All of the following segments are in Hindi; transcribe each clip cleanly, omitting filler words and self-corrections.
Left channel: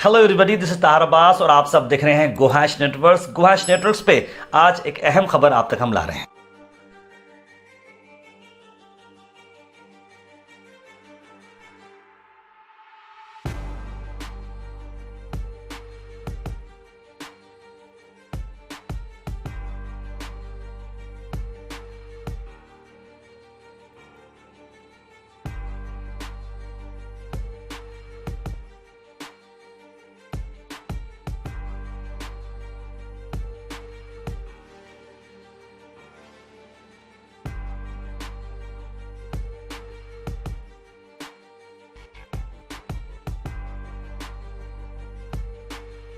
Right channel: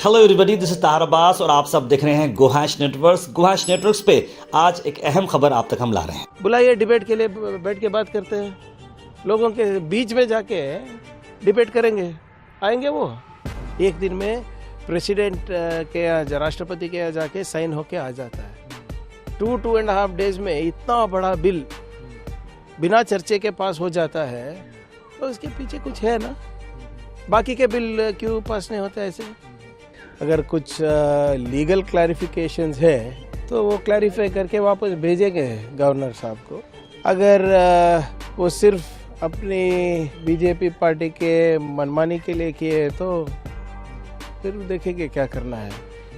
हेलो एवरीबॉडी, दिस इज तार अब्बास और आप सब देख रहे हैं गुहाश नेटवर्क्स। गुहाश नेटवर्क्स पे आज एक अहम खबर आप तक हम ला रहे हैं। बुलाइए, डिबेट के लिए बैठ के बात करते हैं। लोगों के बीच में जाके डिबेट करेंगे। आएंगे वो एक दिन में प्रेसिडेंट के यहाँ, राष्ट्रपति के यहाँ जाके साइन होके आ जाता है। 2.5 डेज में इतना बड़ा बिल बिना चर्चे के पास हो जाता है, तो इसके पीछे कुछ है ना। बाकी के बिल क्यों पास नहीं होते ऐसे? अगर कुछ लीगल क्लैरिफिकेशंस है तो वो क्लैरिफाई करके वापस भेजेंगे गवर्नर साहब को। अगर वो सिर्फ अपनी बीजेपी पार्टी के मनमानी के लिए किए तो फिर देखेंगे क्या करना है।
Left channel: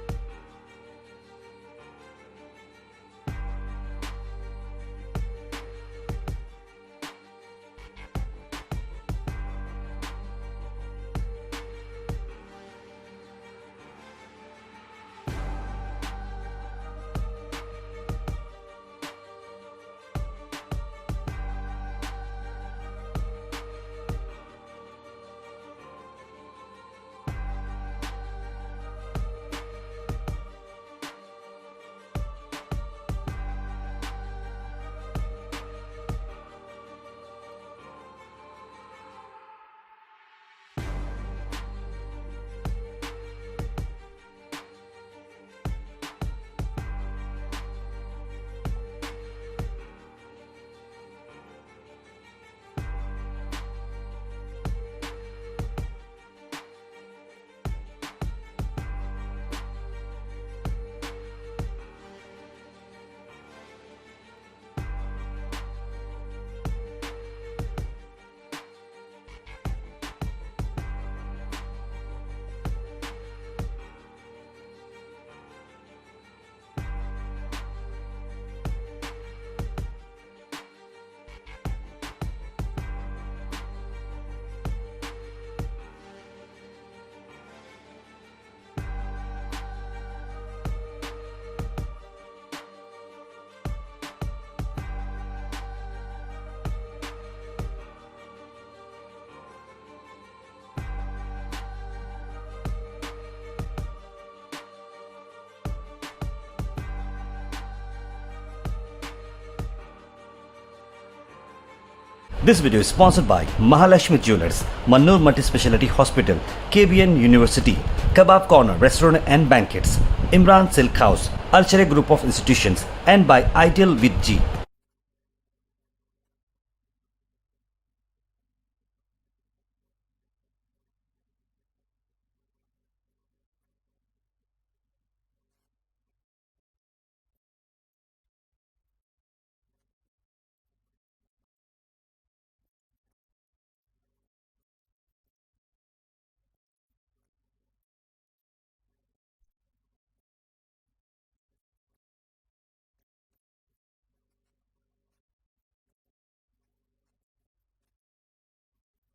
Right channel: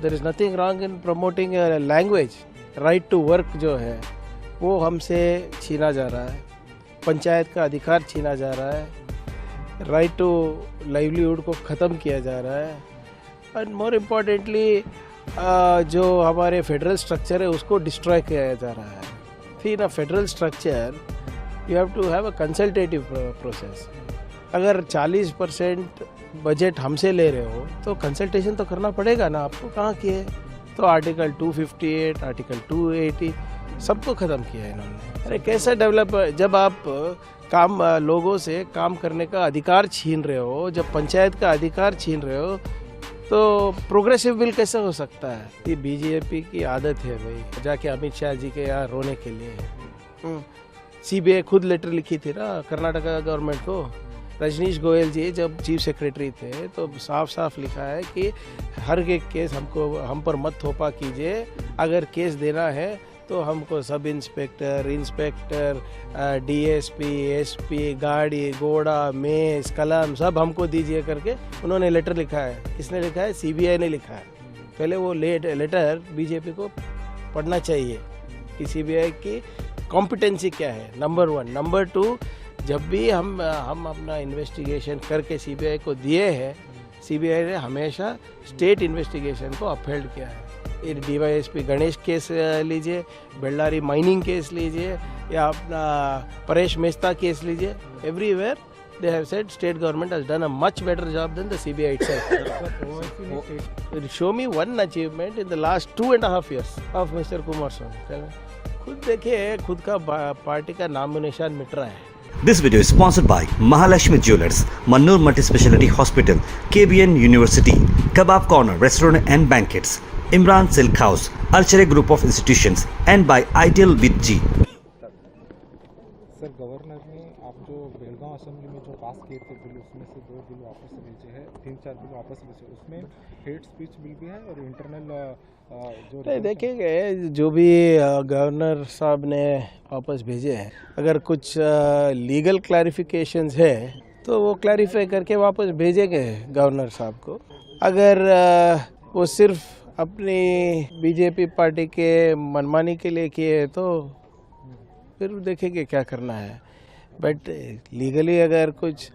There is nothing wrong in promoting language. Right to work जो है वो हमसे छीना जा रहा है, पंचायत का अधिकार छीना जा रहा है, राइट टू लाइवलीहुड को ख़त्म किया जा रहा है, एंड मोर इम्पॉर्टेंटली जो हमारे फेडरल स्ट्रक्चर है उसको डिस्ट्रॉय किया जा रहा है। फिर ना federal structure you have to have a consultative process. अगर 40% बजट हमसे ले रहे हो तो कंसल्टेशन तो करना पड़ेगा ना आपको। कहाँ किए? तो आर्टिकल 258, आर्टिकल 280 सबको ख़त्म किया है इन्होंने। अरे कैसा डेवलप, जब आप लोगों से काम करने का अधिकार छीन रहे हो, जब पंचायत का अधिकार छीन रहे हो, तो प्रोग्रेसिव बिल कैसे हो सकता है? ये बीजेपी की आदत है भाई, जाके अमित शाह जी के यहाँ रोने के लिए। सीबीआई खुद लेटर लिखी थी ना कर्नाटका गवर्नमेंट को। रजनीश गोयल जी जब चीफ सेक्रेटरी थे तो साफ साफ लिखा है कि हर एक केस हम पर मत थोपा कीजिए। अगर केस देना है तो हमको सब इंस्पेक्टर, डीएसपी, एसपी, गाड़ी, घोड़ा, मेज, कलम सब हमको दीजिए करके उन्होंने लेटर लिखा है। किसने लिखा है? सीबीआई ने लिखा है। पहले वो लेटर बीजेपी को पढ़ना चाहिए कि सीबीआई की कॉम्पिटेंसी क्या है, नंबर 1। नंबर 2, जब भी हम अपना इन्वेस्टिगेशन करके सीबीआई को दिए हैं, सीबीआई ने हमेशा स्टेट इन्वेस्टिगेशन को अपहेल्ड किया है। डीवाईएसपी गणेश केस लीजिए, बेल्लारी माइनिंग केस लीजिए, या अपना परेश मेहता केस लीजिए, everywhere they have said state government has done a much better job than the CBI itself. Show me one achievement in the last 2.5 years of Mr. Kumar Swamy. खुद देखिए, खुद का पार्टी का नाम निशान मिट रहा है। This video is sponsored by Mahalakshmi Jewelers, Mannur Multi-Speciality Hospital, KBN University, Kebab Corner Restaurant and Banquets, Imran Silk House, Alchere Group of Institutions, and by Ideal with G. Sir, governor ने आप जो बेलगांव असेंबली में जो पास किए थे बिल, उसमें से 2 बिल वापस भेजे हैं, 3-4 बिल वापस भेजे। उसमें हेट स्पीच बिल भी है और इंटरनल जो देखेंगे जो भी गवर्नर साहब ने वापस भेजे हैं। अगर कुछ लीगल क्लैरिफिकेशंस है तो वो क्लैरिफाई करके वापस भेजेंगे गवर्नर साहब को। अगर वो सिर्फ अपनी बीजेपी पार्टी के मनमानी के लिए किए तो फिर देखेंगे क्या करना है। बट लीगली अगर कुछ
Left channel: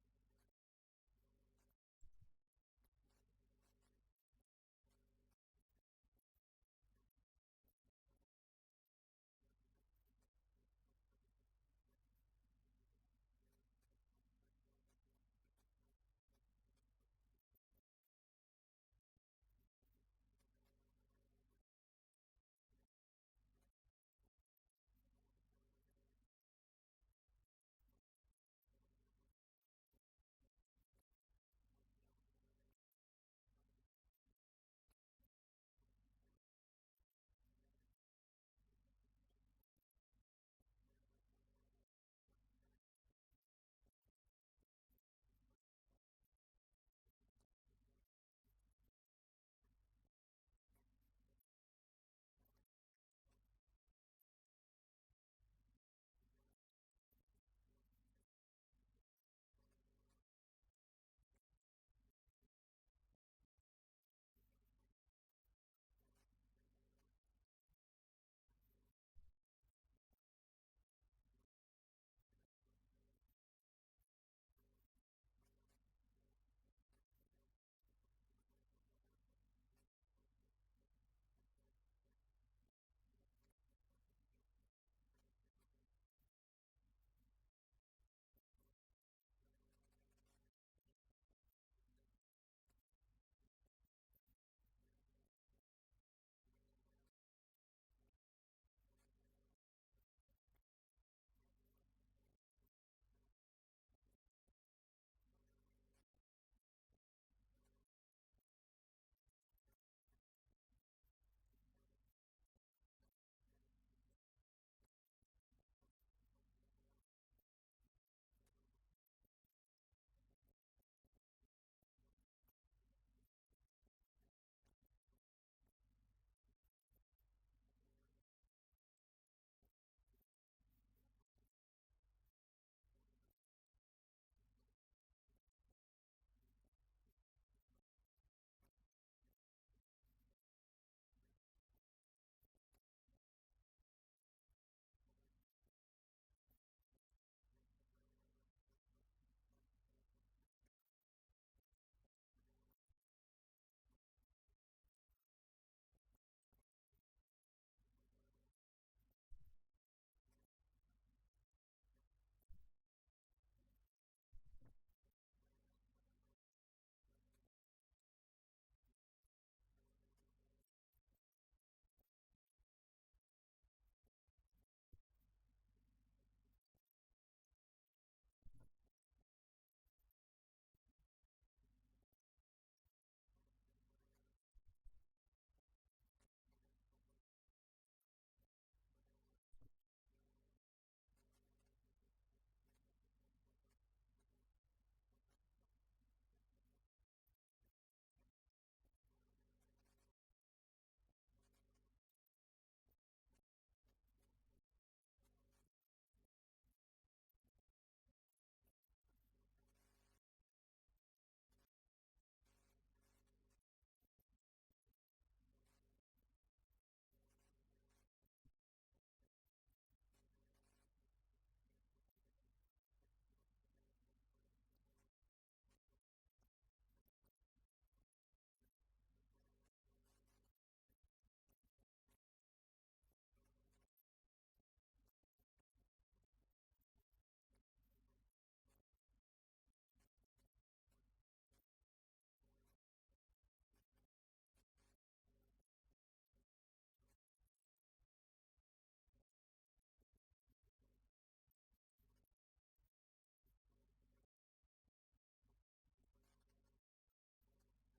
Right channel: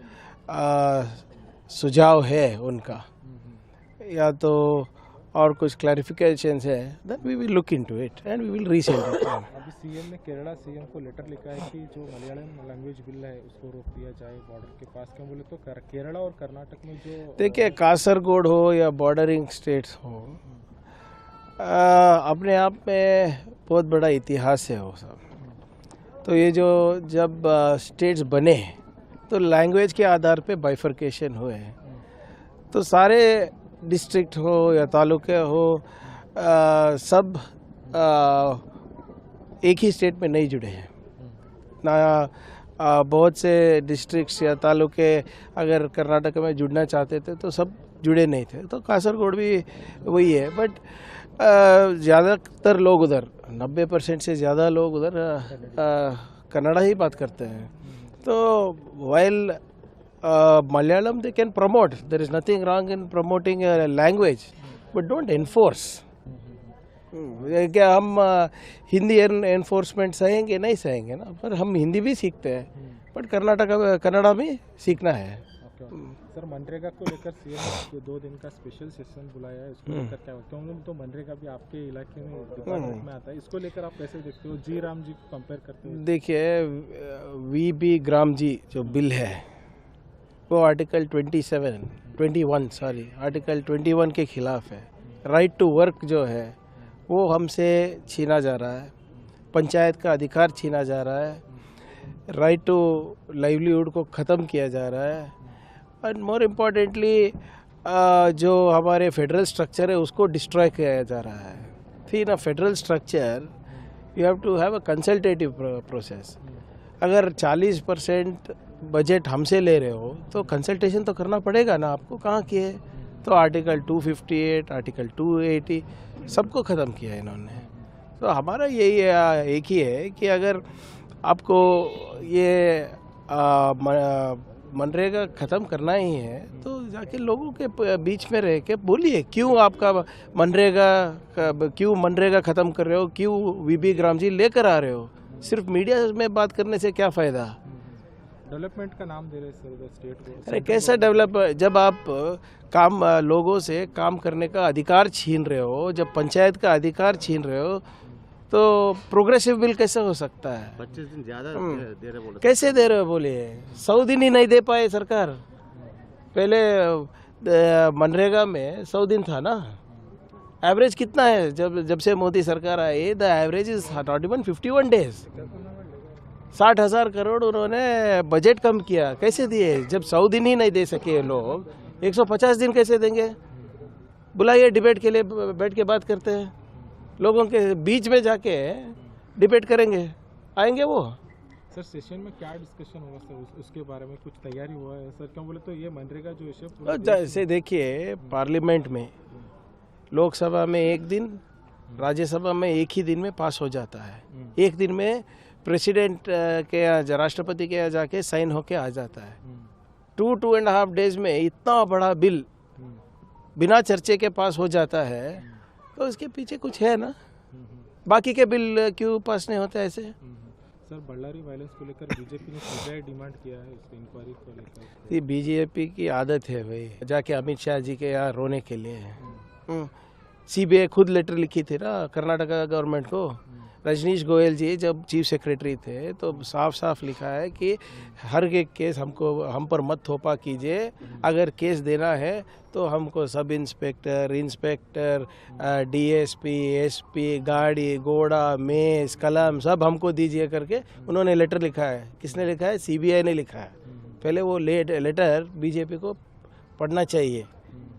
सुझाव है उनका, या तो और कुछ क्लैरिफिकेशंस है, then we will look into it and we will resend it. अभी सीएम ने केरला सीएम को लेटर लिखा है कि जो मलयालम लैंग्वेज बिल है उसको रोक दिया जाए बॉर्डर के पास। क्यों बोले तो केरला और कर्नाटक में जो देखिए, कासरगोड हो या बॉर्डरिंग स्टेट्स हो, अपने आप में बहुत बड़ा इतिहास है वो सब। तो ये जो जब स्टेट्स बने तो लैंग्वेज के आधार पे बाइफर्केशन हुए, तो सारे डिस्ट्रिक्ट हो या तालुके हो, सब एक ही स्टेट में नहीं जुड़े हैं ना। बहुत से डिस्ट्रिक्ट्स या तालुके अगर कर्नाटक में जुड़ना चाहते थे तो सब जुड़े नहीं थे, तो कासरगोड भी वही है। बट ज़्यादातर लोग उधर, 90% से ज़्यादा लोग उधर कन्नड़ा ही बात करते हैं। तो while Malayalam they can promote. There is nothing wrong in promoting a language, but don't enforce. क्या हम हिंदी एनफोर्समेंट सहेंगे? नहीं सहेंगे ना। पर हम हिंदी भी सीखते हैं, बट कन्नड़ा भी सीखना है। सर, मनरेगा को लेकर सीएम जो 2 दिन का स्पेशल सेशन बुलाया है, इसको लेकर क्या होता है? तो मनरेगा भी आपके इलाके में डिपार्टमेंट में आता है, इसको लेकर आप कैसे देखते हो? जी राम जी को कंपेयर करते हो? देखिए, वीबी ग्राम जी जो बिल है वो आर्टिकल 21 के खिलाफ है। राइट टू वर्क जो है वो हमसे छीना जा रहा है, पंचायत का अधिकार छीना जा रहा है, राइट टू लाइवलीहुड को ख़त्म किया जा रहा है, एंड मोर इम्पॉर्टेंटली जो हमारे फेडरल स्ट्रक्चर है उसको डिस्ट्रॉय किया जा रहा है। फिर in a federal structure you have to have a consultative process. अगर 40% बजट हमसे ले रहे हो तो कंसल्टेशन तो करना पड़ेगा ना आपको, कहाँ किए? तो आर्टिकल 258, आर्टिकल 280 सबको ख़त्म किया है इन्होंने। तो हमारा यही एक ही है कि अगर आपको ये मनरेगा ख़त्म करना ही है तो जाके लोगों के बीच में रह के बोलिए क्यों आपका मनरेगा ख़त्म कर रहे हो, क्यों वीबी ग्राम जी लेकर आ रहे हो। सिर्फ मीडिया में बात करने से क्या फ़ायदा? डेवलपमेंट का नाम दे रहे सर स्टेट को। अरे कैसा डेवलप, जब आप लोगों से काम करने का अधिकार छीन रहे हो, जब पंचायत का अधिकार छीन रहे हो तो प्रोग्रेसिव बिल कैसे हो सकता है? 25 दिन ज़्यादा दे रहे बोले। कैसे दे रहे हो बोलिए? 100 दिन ही नहीं दे पाए सरकार। पहले मनरेगा में 100 दिन था ना। एवरेज कितना है जब से मोदी सरकार आई? The average is not even 51 days. 60,000 crore उन्होंने बजट कम किया, कैसे दिए? जब 100 दिन ही नहीं दे सके लोग, 150 दिन कैसे देंगे? बुलाइए डिबेट के लिए, बैठ के बात करते हैं, लोगों के बीच में जाके डिबेट करेंगे, आएंगे वो? सर सेशन में क्या डिस्कशन होगा सर, उसके बारे में कुछ तैयारी हुआ है सर? क्यों बोले तो ये मनरेगा जो इशू जैसे देखिए पार्लियामेंट में, लोकसभा में एक दिन, राज्यसभा में एक ही दिन में पास हो जाता है। एक दिन में प्रेसिडेंट के यहाँ, राष्ट्रपति के यहाँ जाके साइन होके आ जाता है। 2.5 डेज में इतना बड़ा बिल बिना चर्चे के पास हो जाता है, तो इसके पीछे कुछ है ना। बाकी के बिल क्यों पास नहीं होते ऐसे? सर बल्लारी वायलेंस को लेकर बीजेपी ने सीबीआई डिमांड किया है, उसकी इंक्वायरी को लेकर। ये बीजेपी की आदत है भाई, जाके अमित शाह जी के यहाँ रोने के लिए। सीबीआई खुद लेटर लिखी थी ना कर्नाटका गवर्नमेंट को। रजनीश गोयल जी जब चीफ सेक्रेटरी थे तो साफ साफ लिखा है कि हर एक केस हम पर मत थोपा कीजिए, अगर केस देना है तो हमको सब इंस्पेक्टर, डीएसपी, एसपी, गाड़ी घोड़ा, मेज, कलम सब हमको दीजिए करके उन्होंने लेटर लिखा है। किसने लिखा है? सीबीआई ने लिखा है। पहले वो लेटर बीजेपी को पढ़ना चाहिए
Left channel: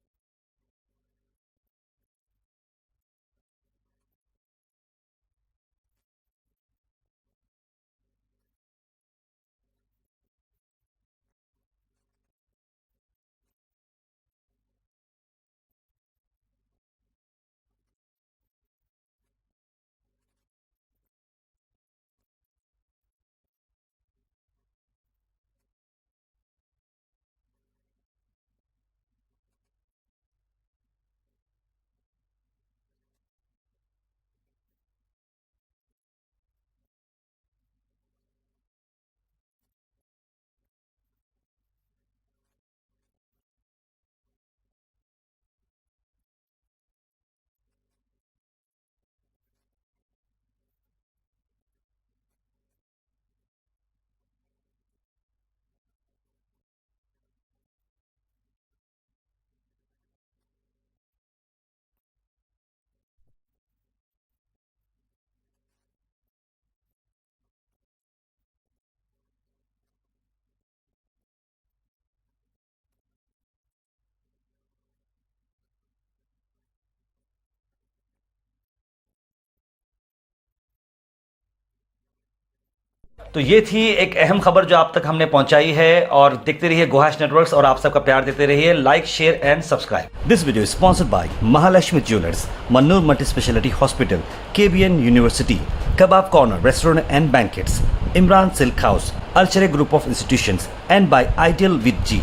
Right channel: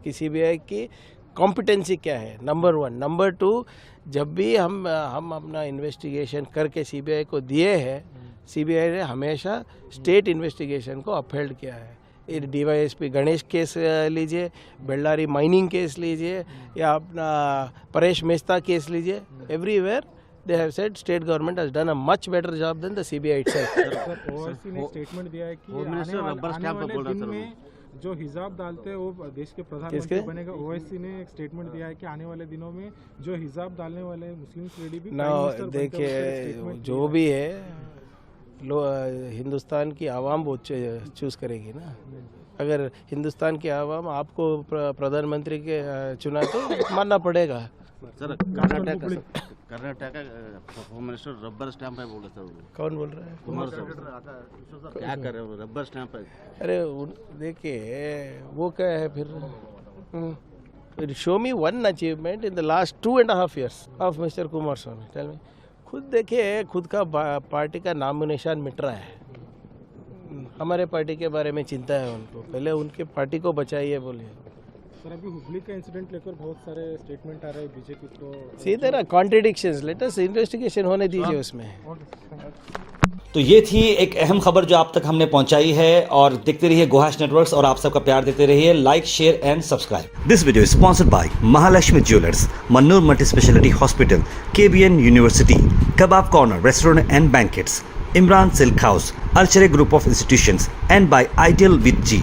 कि सीबीआई की कॉम्पिटेंसी क्या है, नंबर 1। नंबर 2, जब भी हम अपना इन्वेस्टिगेशन करके सीबीआई को दिए हैं, सीबीआई ने हमेशा स्टेट इन्वेस्टिगेशन को अपहेल्ड किया है। डीवाईएसपी गणेश केस लीजिए, बेल्लारी माइनिंग केस लीजिए, या अपना परेश मेहता केस लीजिए, everywhere they have said state government has done a much better job than the CBI itself. Sir Owaisi ने स्टेटमेंट दिया है कि आने वाले दिन में जो हिजाब डालते हैं वो देश के प्रधानमंत्री बनेगा। ओवैसी ने एक स्टेटमेंट दिया है कि आने वाले दिनों में जो हिजाब डालने वाले मुस्लिम लेडी भी देखिए जो भी है हिंदुस्तान की आवाम वो चूज करेगी ना। अगर हिंदुस्तान की आवाम आपको प्रधानमंत्री के चुना तो मानना पड़ेगा। सर कर्नाटक का होम मिनिस्टर रबर स्टैंप है बोले सर। कौन बोल रहा है? कुमार साहब क्या कर रहे हो? रबर स्टैंप है। अरे देखिए वो क्या है फिर show me one achievement in the last 2.5 years of mister Kumaraswamy. Tell me, खुद देखिए, खुद का पार्टी का नाम निशान मिट रहा है। हमारे पार्टी के बारे में चिंता है उनको, पहले उनके पार्टी को बचाइए बोलिए। सर अभी हुबली का इंसिडेंट लेकर बहुत सारे स्टेटमेंट आ रहे हैं बीजेपी को। सीधे ना कॉन्ट्रडिक्शंस, लेट अस इन्वेस्टिगेशन होने दीजिए उसमें। तो ये थी एक अहम खबर जो आप तक हमने पहुंचाई है, और देखते रहिए गोहाश नेटवर्क्स और आप सबका प्यार देते रहिए। Like, share and subscribe. This video is sponsored by Mahalakshmi jewellers, Mannur multi speciality hospital, KBN university, kebab corner restaurant and banquets, Imran silk house, अर्चरे group of institutions and by ideal with ji.